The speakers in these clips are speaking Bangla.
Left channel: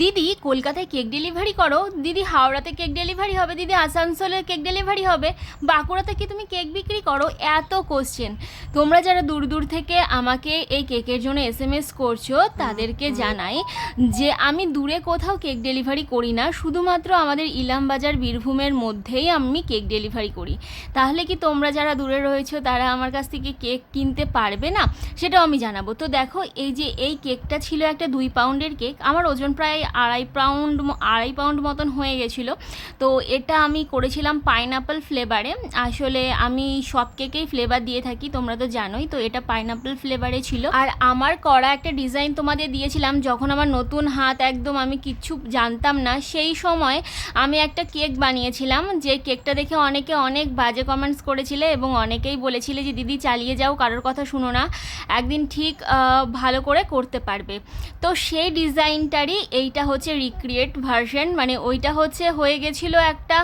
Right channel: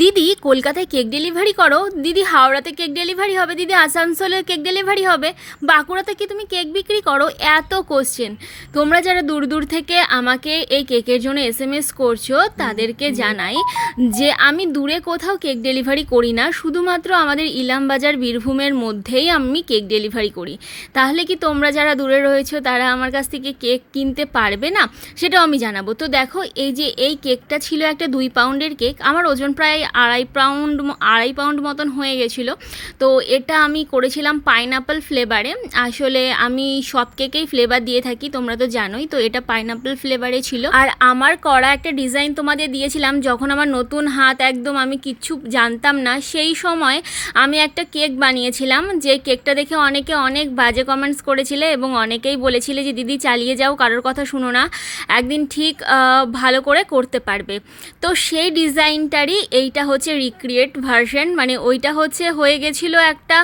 দিদি কলকাতায় কেক ডেলিভারি করো। দিদি হাওড়াতে কেক ডেলিভারি হবে। দিদি আসানসোলে কেক ডেলিভারি হবে। বাঁকুড়াতে কি তুমি কেক বিক্রি করো? এত কোশ্চেন তোমরা যারা দূর দূর থেকে আমাকে এই কেকের জন্য এস এম এস করছ তাদেরকে জানাই যে আমি দূরে কোথাও কেক ডেলিভারি করি না। শুধুমাত্র আমাদের ইলামবাজার বীরভূমের মধ্যেই আমি কেক ডেলিভারি করি। তাহলে কি তোমরা যারা দূরে রয়েছো তারা আমার কাছ থেকে কেক কিনতে পারবে না? সেটাও আমি জানাব। তো দেখো এই যে এই কেকটা ছিল একটা দুই পাউন্ডের কেক। আমার ওজন প্রায় আড়াই পাউন্ড আড়াই পাউন্ড মতন হয়ে গেছিল। তো এটা আমি করেছিলাম পাইনাপল ফ্লেভারে আসলে আমি সব কেকেই ফ্লেভার দিয়ে থাকি, তোমরা তো জানোই। তো এটা পাইনাপল ফ্লেভারে ছিল। আর আমার করা একটা ডিজাইন তোমাদের দিয়েছিলাম, যখন আমার নতুন হাত একদম আমি কিচ্ছু জানতাম না, সেই সময় আমি একটা কেক বানিয়েছিলাম, যে কেকটা দেখে অনেকে অনেক বাজে কমেন্টস করেছিলে এবং অনেকেই বলেছিলে যে, দিদি, চালিয়ে যাও, কারোর কথা শুনো না। একদিন ঠিক ভালো করে করতে পারবে। তো সেই ডিজাইনটারই এইটা হচ্ছে রিক্রিয়েট ভার্সন মানে ওইটা হচ্ছে হয়ে গেছিল একটা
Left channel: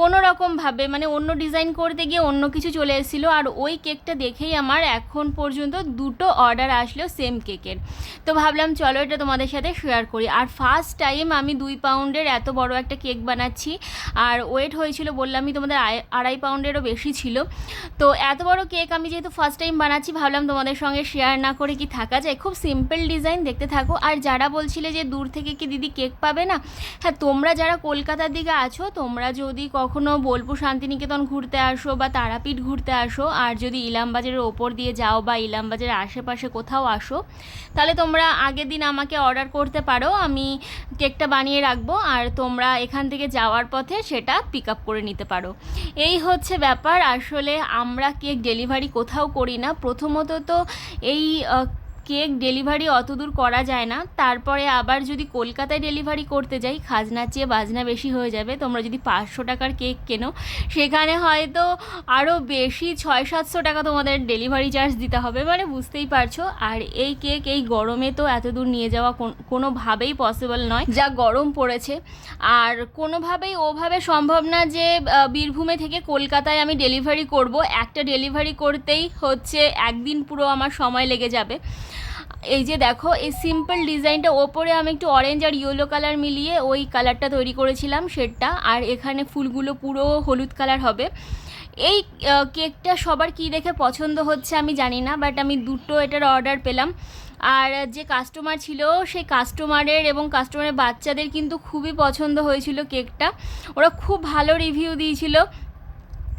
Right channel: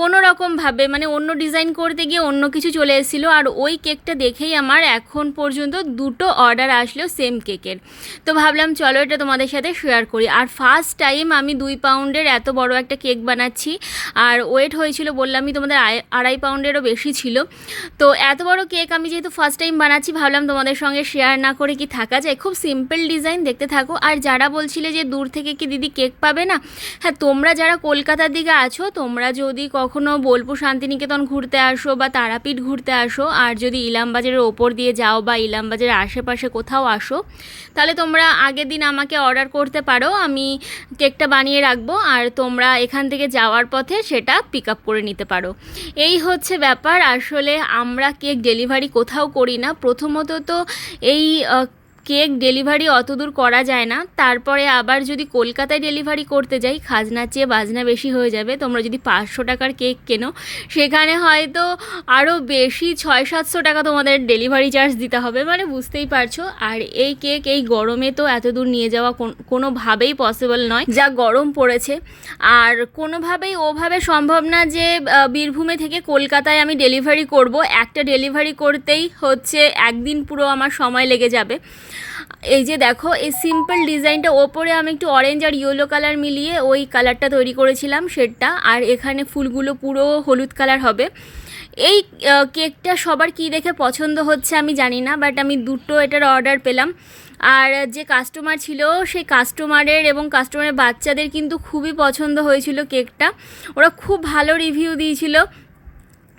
কোনো রকমভাবে মানে অন্য ডিজাইন করতে গিয়ে অন্য কিছু চলে এসেছিল, আর ওই কেকটা দেখেই আমার এখন পর্যন্ত দুটো অর্ডার আসলো সেম কেকের তো ভাবলাম চলো এটা তোমাদের সাথে শেয়ার করি। আর ফার্স্ট টাইম আমি দুই পাউন্ডের এত বড় একটা কেক বানাচ্ছি, আর ওয়েট হয়েছিল, বললামই তোমাদের আড়াই পাউন্ডেরও বেশি ছিল। তো এত বড় কেক আমি যেহেতু ফার্স্ট টাইম বানাচ্ছি, ভাবলাম তোমাদের সঙ্গে শেয়ার না করে কি থাকা যায়, খুব সিম্পল ডিজাইন দেখতে থাকো। আর যারা বলছিলে যে দূর থেকে কি দিদি কেক পাবে না? হ্যাঁ তোমরা যারা কলকাতার দিকে আছো, তোমরা যদি কখনো বোলপুর শান্তিনিকেতন ঘুরতে আসো বা তারাপীঠ ঘুরতে আসো, আর যদি ইলামবাজারের ওপর দিয়ে যাও বা ইলামবাজারের আশেপাশে কোথাও আসো, তাহলে তোমরা আগের দিন আমাকে অর্ডার করতে পারো। আমি কেকটা বানিয়ে রাখব, আর তোমরা এখান থেকে যাওয়ার পথে সেটা পিক আপ করে নিতে পারো। এই হচ্ছে ব্যাপার। আসলে আমরা কেক ডেলিভারি কোথাও করি না। প্রথমত তো এই কেক ডেলিভারি অত দূর করা যায় না। তারপরে আবার যদি কলকাতায় ডেলিভারি করতে যাই খাজনার চেয়ে বাজনা বেশি হয়ে যাবে। তোমরা যদি পাঁচশো টাকার কেক কেনো, সেখানে হয়তো আরও বেশি ছয় সাতশো টাকা তোমাদের ডেলিভারি চার্জ দিতে হবে মানে বুঝতেই পারছ। আর এই কেক এই গরমে তো এত দূর নিয়ে যাওয়া কোন- কোনোভাবেই পসিবল নয়, যা গরম পড়েছে। আর কোনোভাবেই ওভাবে সম্ভব না যে বীরভূমে থেকে কলকাতায় আমি ডেলিভারি করব। একটা ডেলিভারি করতেই হচ্ছে, একদিন পুরো আমার সময় লেগে যাবে। এই যে দেখো, এই সিম্পল ডিজাইনটা ওপরে আমি একটু অরেঞ্জ আর ইয়েলো কালার মিলিয়ে ওই কালারটা তৈরি করেছিলাম শেডটা আর এখানে ফুলগুলো পুরো হলুদ কালার হবে। এই কেকটা সবার কি দেখে পছন্দ হচ্ছে আমি জানি না বাট আমি দুটো এটার অর্ডার পেলাম। আর যে কাস্টমার ছিল, সেই কাস্টমারের এবং কাস্টমারের বাচ্চাদের কিন্তু খুবই পছন্দ হয়েছিল কেকটা ওরা খুব ভালো রিভিউ দিয়েছিল।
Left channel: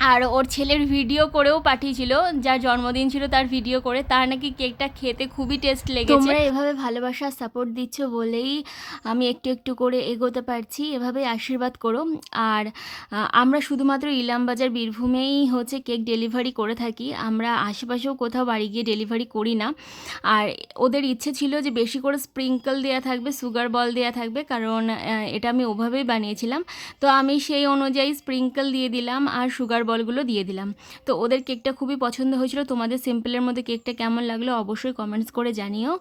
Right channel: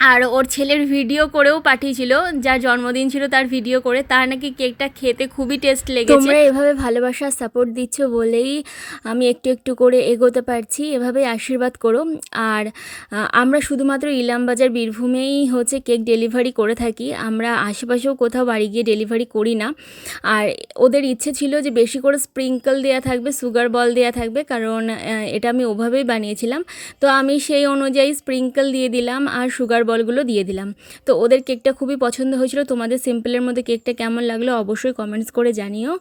আর ওর ছেলের ভিডিও করেও পাঠিয়েছিল, যার জন্মদিন ছিল তার ভিডিও করে, তার নাকি কেকটা খেতে খুবই টেস্ট লেগেছে। তোমরা এভাবে ভালোবাসা সাপোর্ট দিচ্ছ বলেই আমি একটু একটু করে এগোতে পারছি, এভাবেই আশীর্বাদ করো। আর আমরা শুধুমাত্র ইলামবাজার, বীরভূমেই হচ্ছে কেক ডেলিভারি করে থাকি, আমরা আশেপাশেও কোথাও বাড়ি গিয়ে ডেলিভারি করি না। আর ওদের ইচ্ছে ছিল যে বেশি করে স্প্রিঙ্কল দেওয়া থাকবে সুগার বল দেওয়া থাকবে, কারণ এটা আমি ওভাবেই বানিয়েছিলাম। তো আমি সেই অনুযায়ী স্প্রিঙ্কল দিয়ে দিলাম, আর সুগার বলগুলো দিয়ে দিলাম। তো ওদের কেকটা খুবই পছন্দ হয়েছিল। তোমাদের সিম্পলের মধ্যে কেকটা কেমন লাগল অবশ্যই কমেন্টস করে জানিও।